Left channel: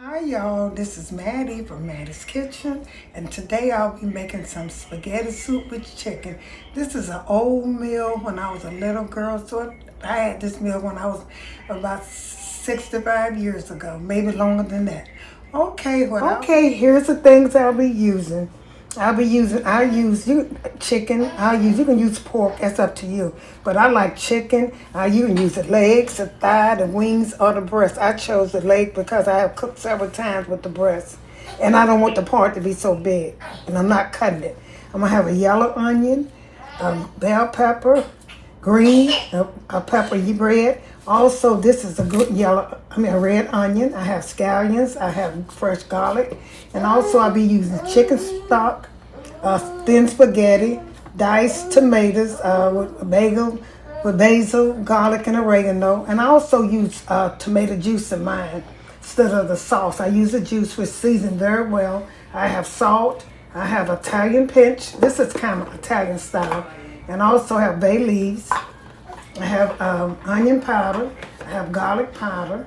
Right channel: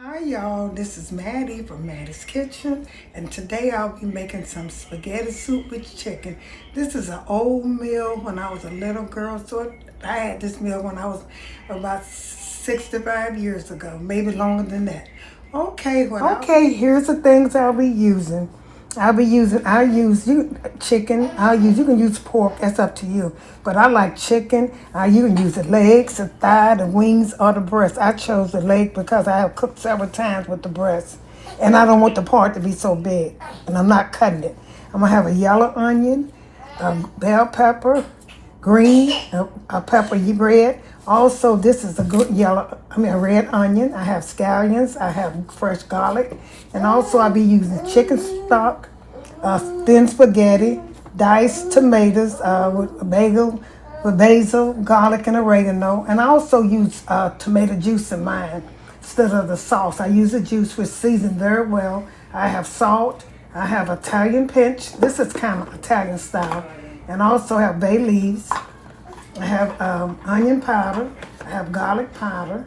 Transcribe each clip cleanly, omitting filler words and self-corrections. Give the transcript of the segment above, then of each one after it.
Hi y'all, this is Mattie from Mattie's Kitchen, and today I'll be making some spaghetti soup with chicken. This is an old meal when I was a little girl, so I had this meal when I was about 65 years ago, maybe longer than that. Okay, here's the things I'll be using. Chicken. You can use pork, that's up to you. But I like chicken. You can use the legs, the thigh, the wings, or the breast. I chose the leg because I have cooked several times with the breast. And I don't want the part to be so big. And I'm not cutting it. I'm gonna have a yellow onion, a bell pepper, green, a pepper red. Also, this is a good a red onion. I have scallions. I have fresh garlic, and also I'll be using chicken stock, thin spaghetti, diced tomatoes with basil, garlic, and oregano. And I also use tomato juice in mine instead of the sauce. I use the juice, which seasoned very well. I have salt. I have Italian pinch. This is kind of Italian style. And I also have bay leaves. I have onion powder. I have garlic powder.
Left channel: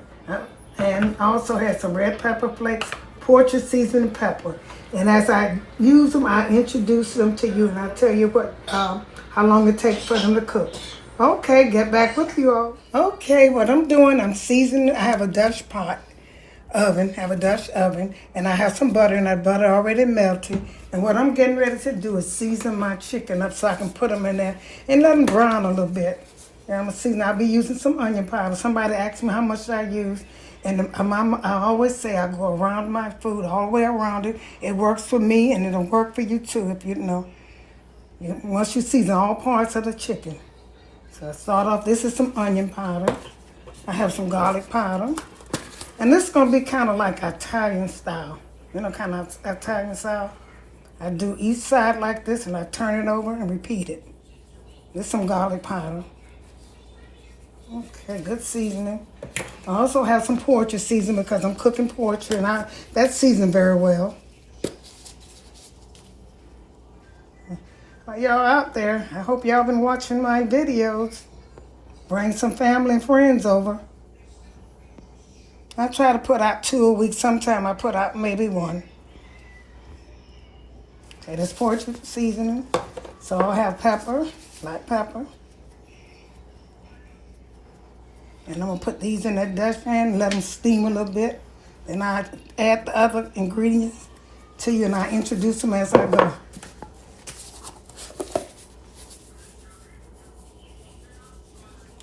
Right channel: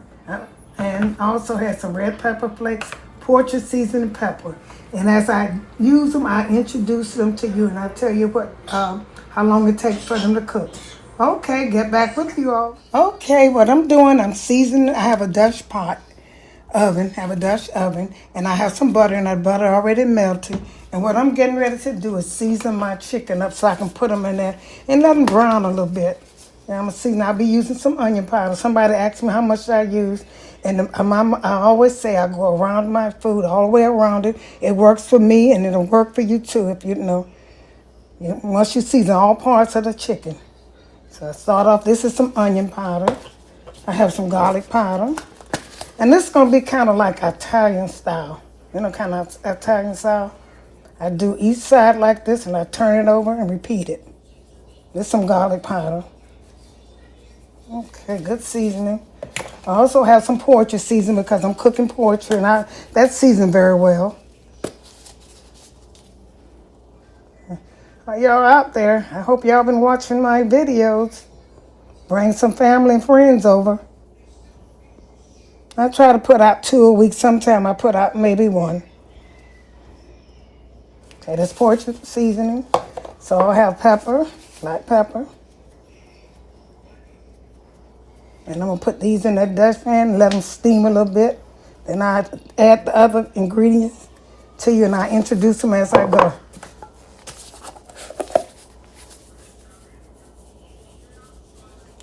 And I also have some red pepper flakes, Portuguese seasoned pepper. And as I use them, I introduce them to you, and I'll tell you how long it takes for them to cook. Okay, get back with you all. Okay, what I'm doing, I'm seasoning. I have a Dutch oven, and I have some butter, and that butter already melted. And what I'm getting ready to do is season my chicken up so I can put them in there and let them brown a little bit. And I'm gonna season. I'll be using some onion powder. Somebody asked me how much I use, and I always say I go around my food all the way around it. It works for me, and it'll work for you too if once you season all parts of the chicken. So I start off. This is some onion powder. I have some garlic powder. And this is going to be kind of like Italian style. Kind of Italian style. I do each side like this, and I turn it over and repeat it. There's some garlic powder. Okay, good seasoning. I also have some poultry seasoning because I'm cooking poultry, and that's seasoned very well. Y'all out there, I hope y'all been watching my videos. Bring some family and friends over. I try to put out 2 a week. Sometimes I put out maybe 1. Okay, this poultry seasoning. So I'll have pepper, black pepper. And I'm going to put these in that Dutch pan and let them steam a little bit. Then I add the other ingredients to you, and I introduce them as I go.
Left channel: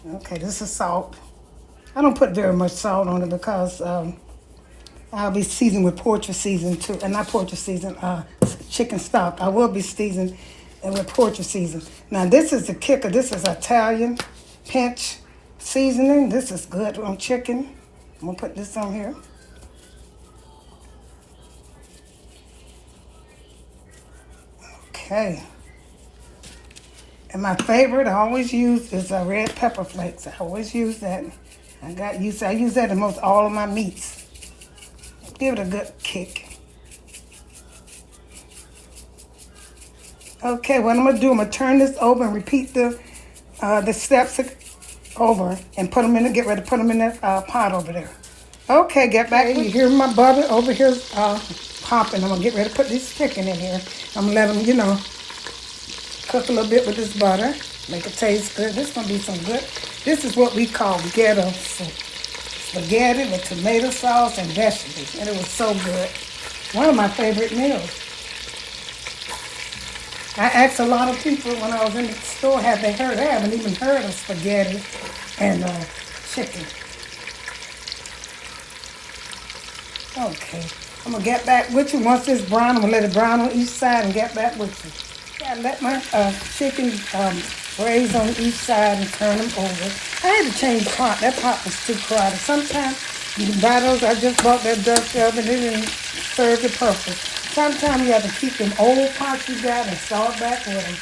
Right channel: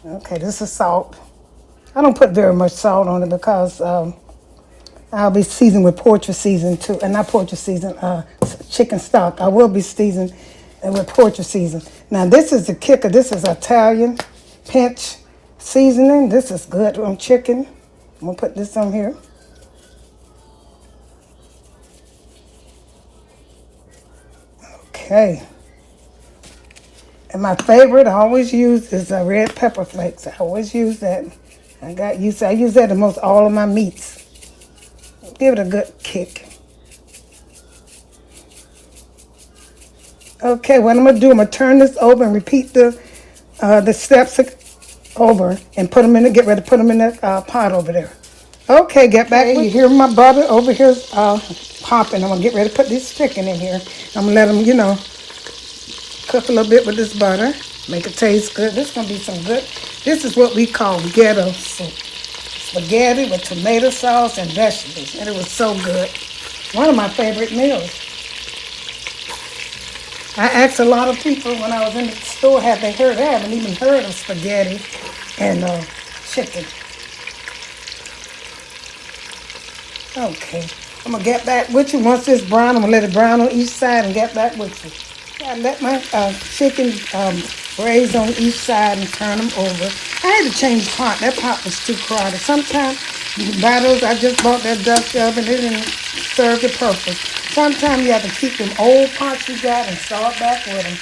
Okay, this is salt. I don't put very much salt on it because I'll be seasoned with poultry season too, and not poultry season, chicken stock. I will be seasoned with poultry season. Now this is the kicker. This is Italian pinch seasoning. This is good on chicken. I'm gonna put this on here. Okay. And my favorite I always use is the red pepper flakes. I always use that. I use that in most all of my meats. Give it a good kick. Okay, what I'm gonna do, I'm gonna turn this over and repeat the steps over and get ready to put them in that pot over there. Okay, get back. You hear my butter over here popping. I'm gonna get ready to put this chicken in here. I'm gonna let them, cook a little bit with this butter. Make it taste good. This is gonna be some good. This is what we call ghetto soup. Spaghetti with tomato sauce and vegetables. And it was so good. One of my favorite meals. I asked a lot of people when I was in the store, have they heard? They haven't even heard of spaghetti and chicken. Okay. I'm gonna get back with you. Once it's brown, I'm gonna let it brown on each side and get back with you. I let my chicken braise on each side and turn them over. I had to change the pot. That pot was too crowded. Sometimes you can buy those. I just bought that Dutch oven. It didn't serve the purpose. Sometimes you have to keep them old pots you got and start back with them.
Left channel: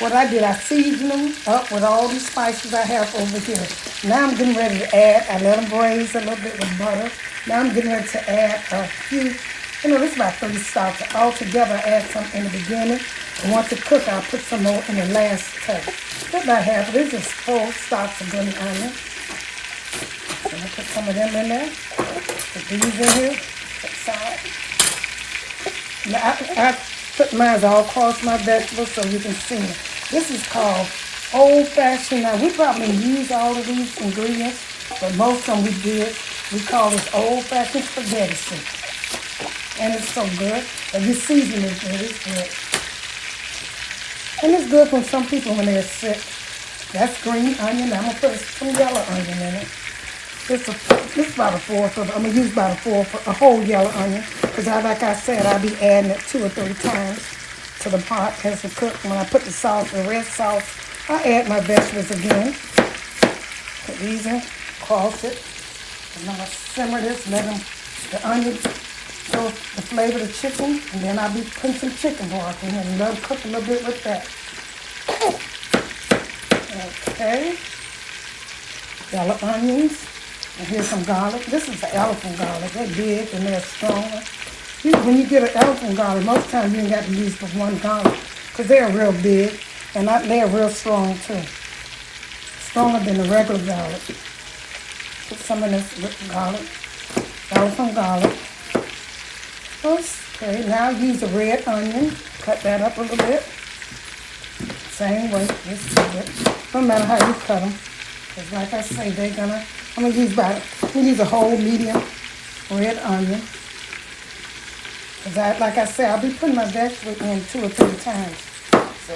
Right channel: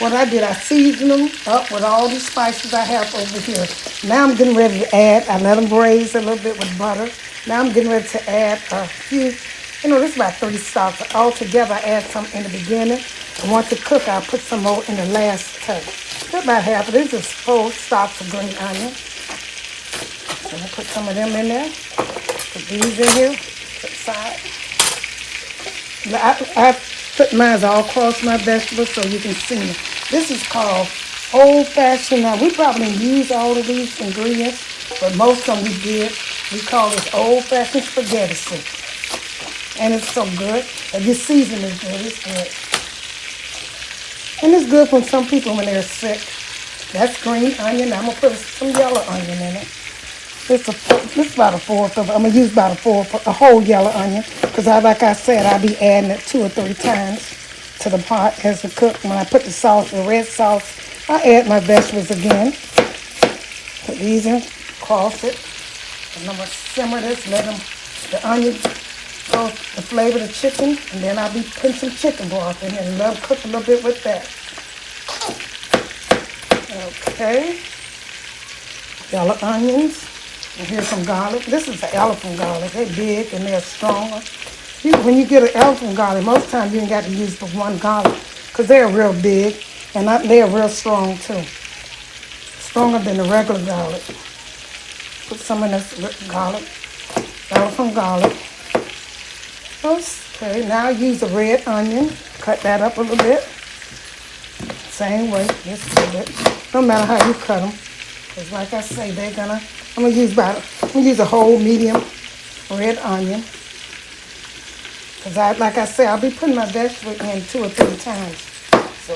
What I did, I seasoned them up with all these spices I have over here. Now I'm getting ready to add. I let them braise a little bit with butter. Now I'm getting ready to add a few. This is about 30 stalks. Altogether, I add some in the beginning. And once it cooks, I'll put some more in the last touch. Put about half of this. Just 4 stalks of green onion. I'm going to put some of them in there. Put these in here. side. I put mine all across my vegetables so you can see me. This is called old-fashioned. Now, we probably use all of these ingredients, but most of them we did. We call this old-fashioned spaghetti soup. And it's so good. If you season it good, it's good. And it's good for some people when they're sick. That's green onion. I'm going to put some yellow onion in it. It's about a fourth of it. I'm going to use about a whole yellow onion. Because like I said, I'll be adding it 2 or 3 times to the pot as it cooks. When I put the sauce, the red sauce, I add my vegetables again. Put these in, cross it. And I'm going to simmer this, let the onion the flavor of the chicken, and then I'll be putting some chicken broth in here and let them cook a little bit with that. Okay. Yellow onions. And here's some garlic. This is the elephant garlic. They're big and they're stronger. When you get an elephant garlic, most times you ain't got to use but one garlic because they're real big and they're real strong too. Stronger than the regular garlic. Put some of this garlic. Elephant garlic. Okay, now use the red onion. Cut that up a little bit. Same way, just a little bit. No matter how you cut them. Because like I say, I'm going to use a whole medium red onion. Because like I say, I'll be putting my vegetables in 2 or 3 times. So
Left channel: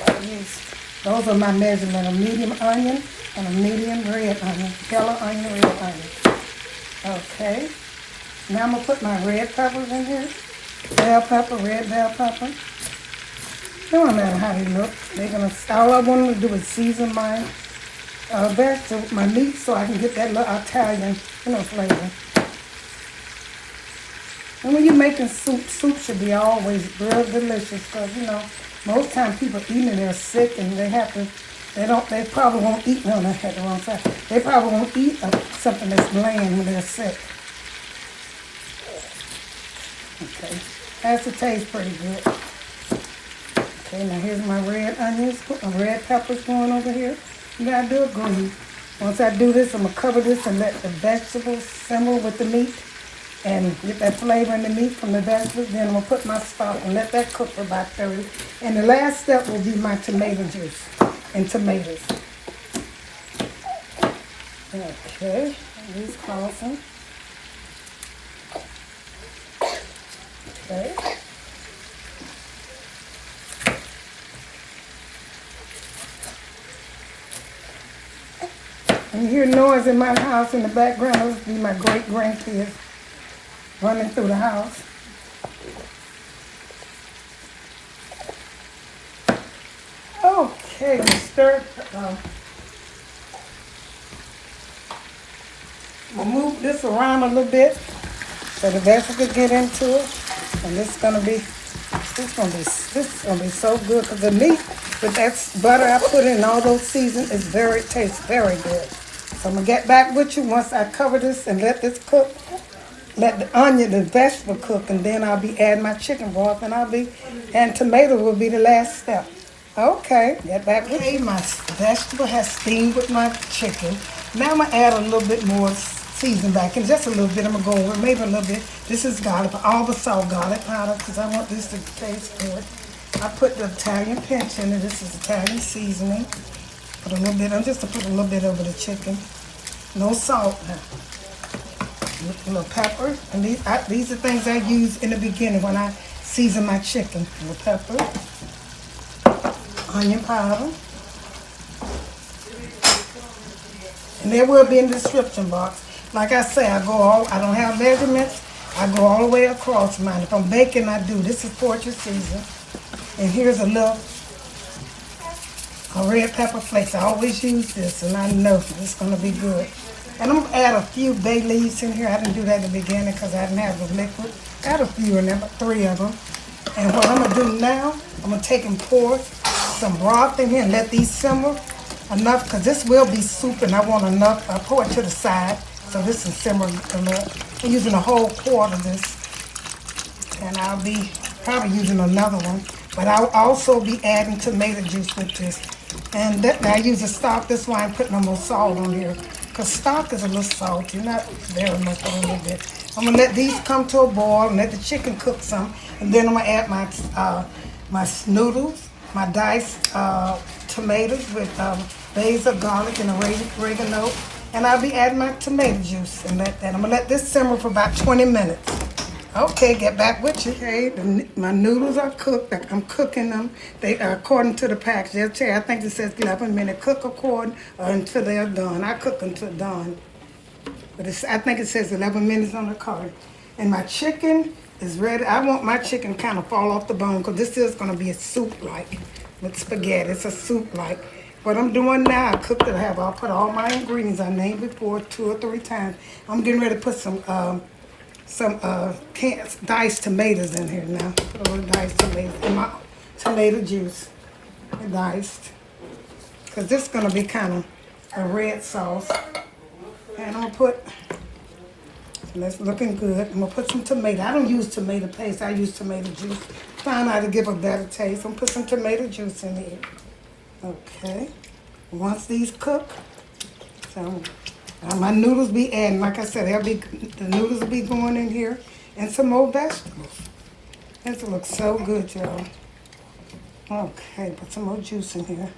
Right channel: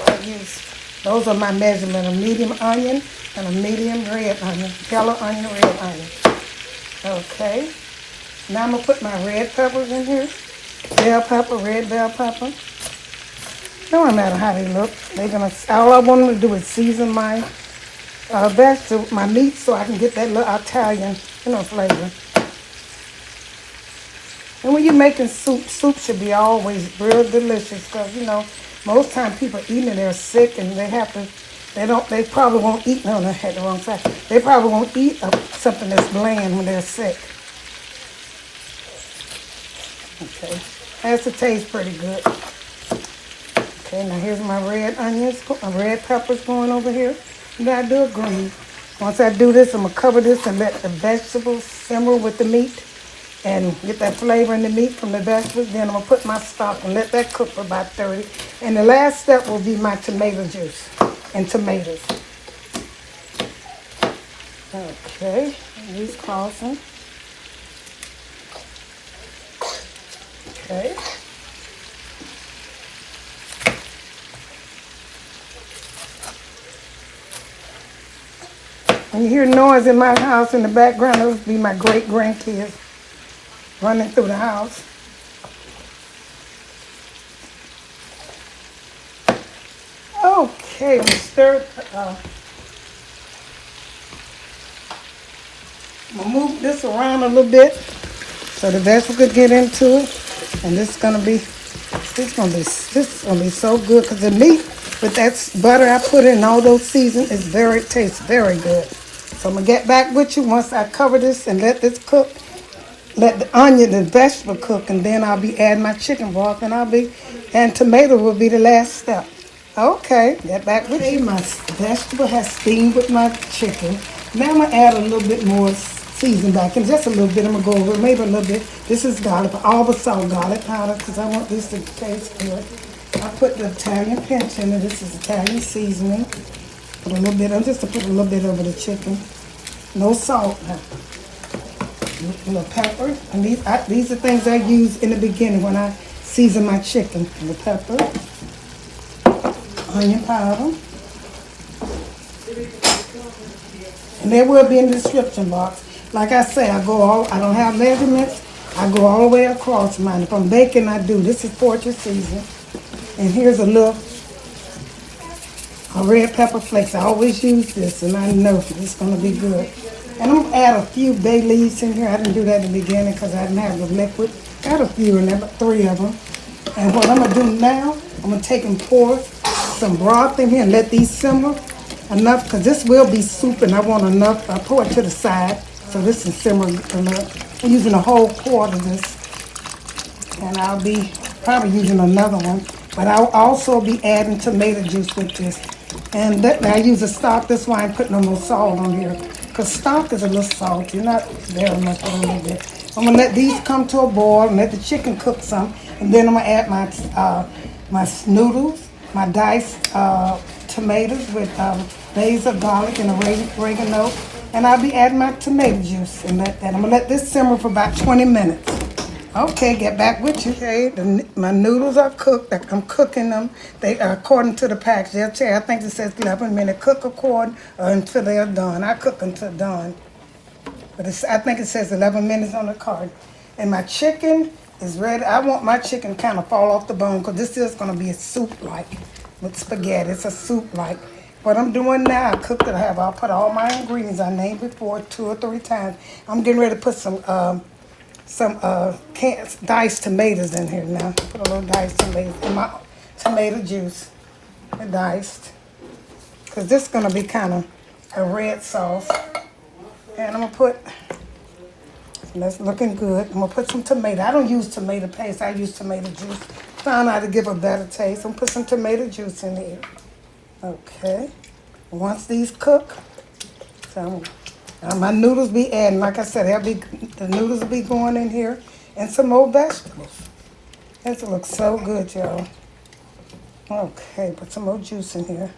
those are my measurement, a medium onion and a medium red onion. Yellow onion, red onion. Okay. Now I'm going to put my red peppers in here. Bell pepper, red bell pepper. Don't matter how they look. All I want them to do is season my vegetables, my meat, so I can get that little Italian, flavor. And when you're making soup should be always real delicious because, most times people eating they're sick and they probably won't eat, no, they had the wrong side. They probably won't eat something that's bland when they're sick. Okay, has to taste pretty good. Okay, now here's my red onions, my red peppers going over here. You gotta do it green. Once I do this, I'm gonna cover this and let the vegetables simmer with the meat and get that flavor in the meat from the vegetables. Then I'm gonna put my stock and let that cook for about 30. And the last step will be my tomato juice and tomatoes. Okay, these crossing. Okay. And you hear noise in my house in the background. Those would be my great-grandkids running through the house. Okay, we stir. We'll move this around a little bit so the vegetables get into it. And this is gonna be so good because the meat with that butter I put in all those seasons tastes very good. So I'm gonna get back with you once I cover this and let this cook. Let the onion, the vegetable cook, and then I'll be adding my chicken broth and tomato will be the last step. Okay, get back with you. My vegetable has steamed with my chicken. Now I'm gonna add a little bit more season back in, just a little bit. I'm gonna go over it, maybe a little bit. This is garlic, all the salt garlic powder because I want this to taste good. I put the Italian pinch in it. This is Italian seasoning. Put a little bit, just to put a little bit over the chicken. No salt. A little pepper. And these are things I use in the beginning when I season my chicken. A little pepper. Onion powder. And there will be in the description box. Like I say, I don't have measurements. I go all the way across mine. If I'm baking, I do. This is poultry season. And here's a red pepper flakes. I always use this, and I know it's going to be good. And I'm going to add a few bay leaves in here. I didn't do that in the beginning because I didn't have the liquid. Add a few in there, about 3 of them. And what I'm going to do now, I'm going to take and pour some broth in here and let these simmer enough because this will be soup and I want enough. I'll pour it to the side so this can simmer enough. I'm using a whole quart of this. And I'll be probably using another one. But I'll also be adding tomato juice with this. And I use a stock. That's why I'm putting no more salt on here. Because stock is a little salty, not very much, but a little bit. I'm gonna let these come to a boil and let the chicken cook some, and then I'm gonna add my noodles, my diced tomatoes with basil, garlic, and oregano, and I'll be adding my tomato juice and let that. I'm gonna let this simmer for about 20 minutes. Okay, get back with you. Okay, my noodles are cooked. I'm cooking them. They are according to the package. They'll tell you, I think it says 11 minutes. Cook according until they are done. I cook until done. But I think it says 11 minutes on the card. And my chicken is ready. I want my chicken kind of fall off the bone because this is going to be a soup-like with spaghetti. It's a soup-like. What I'm doing now, I cooked it. I'll put all my ingredients I named before 2 or 3 times. I'm getting ready to put some diced tomatoes in here now. Put a little diced tomatoes in my tomato juice. Diced. Because this is going to be kind of a red sauce. And I'm going to put, that's looking good. I'm going to put some tomato. I don't use tomato paste. I use tomato juice. Found out to give a better taste. I'm going to put some tomato juice in here. Okay. Once these cook, so my noodles be adding. Like I said, the noodles be going in here. And some more vegetables. This looks so good, y'all. Okay, put some more juice in here.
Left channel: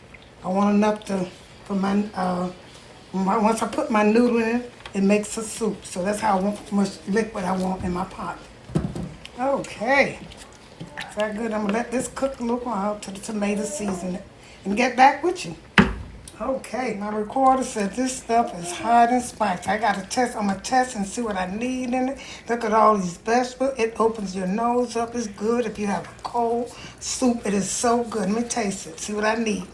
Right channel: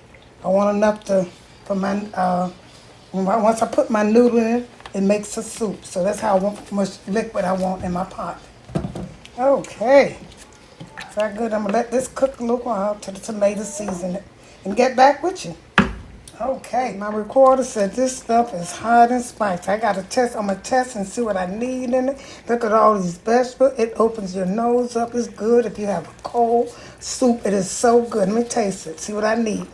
I want enough for my, once I put my noodle in, it makes a soup. So that's how much liquid I want in my pot. Okay. Very good. I'm going to let this cook a little while till the tomato season it. And get back with you. Okay. My recorder said this stuff is hot and spicy. I got to test. I'm going to test and see what I need in it. Look at all these vegetables. It opens your nose up. It's good. If you have a cold soup, it is so good. Let me taste it. See what I need.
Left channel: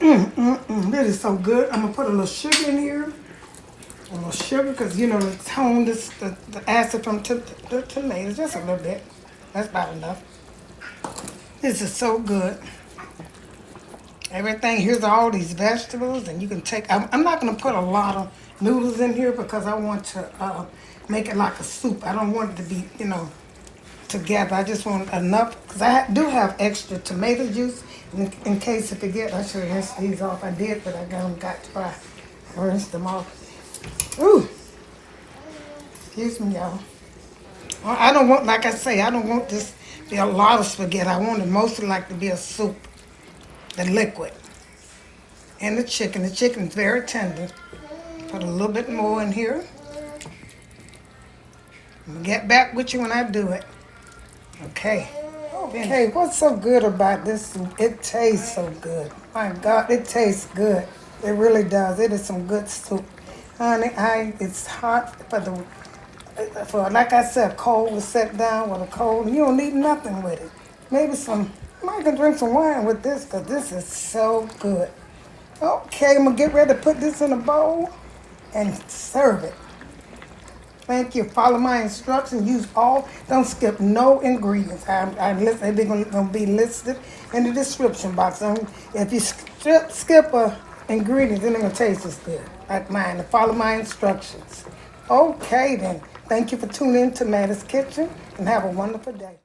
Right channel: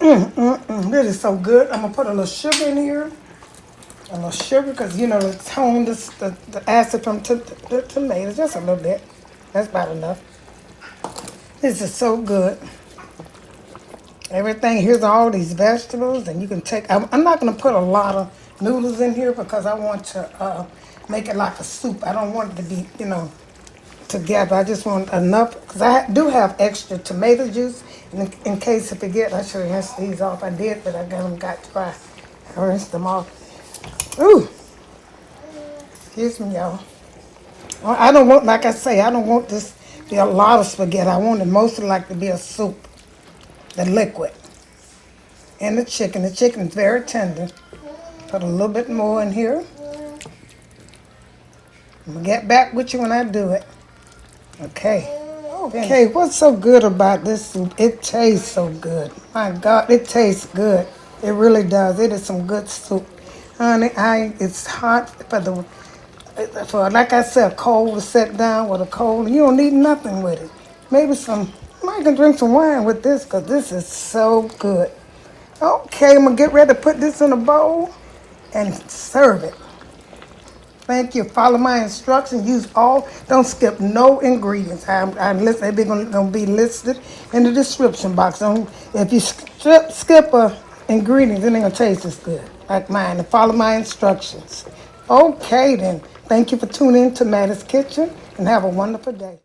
This is so good. I'm going to put a little sugar in here. A little sugar because, you know, it's home, the acid from the tomatoes. Just a little bit. That's about enough. This is so good. Everything, here's all these vegetables. And you can take, I'm not going to put a lot of noodles in here because I want to make it like a soup. I don't want it to be, you know, together. I just want enough, because I do have extra tomato juice in case I forget. I should rinse these off. I did, but I got to rinse them off. Ooh, excuse me, y'all. I don't want, like I say, I don't want this to be a lot of spaghetti. I want it mostly like to be a soup, the liquid, and the chicken. The chicken is very tender. Put a little bit more in here. I'll get back with you when I do it. Okay. Okay, what's so good about this soup? It tastes so good. My God, it tastes good. It really does. It is some good soup. Honey, it's hot for like I said, cold to sit down with a cold. You don't need nothing with it. Maybe I can drink some wine with this because this is so good. Okay, I'm going to get ready to put this in a bowl and serve it. Thank you. Follow my instructions. Don't skip no ingredients. They're going to be listed in the description box. If you skip a ingredient, then they're going to taste as good like mine. And follow my instructions. Okay, then. Thank you for tuning in to Mattie's Kitchen, and have a wonderful day.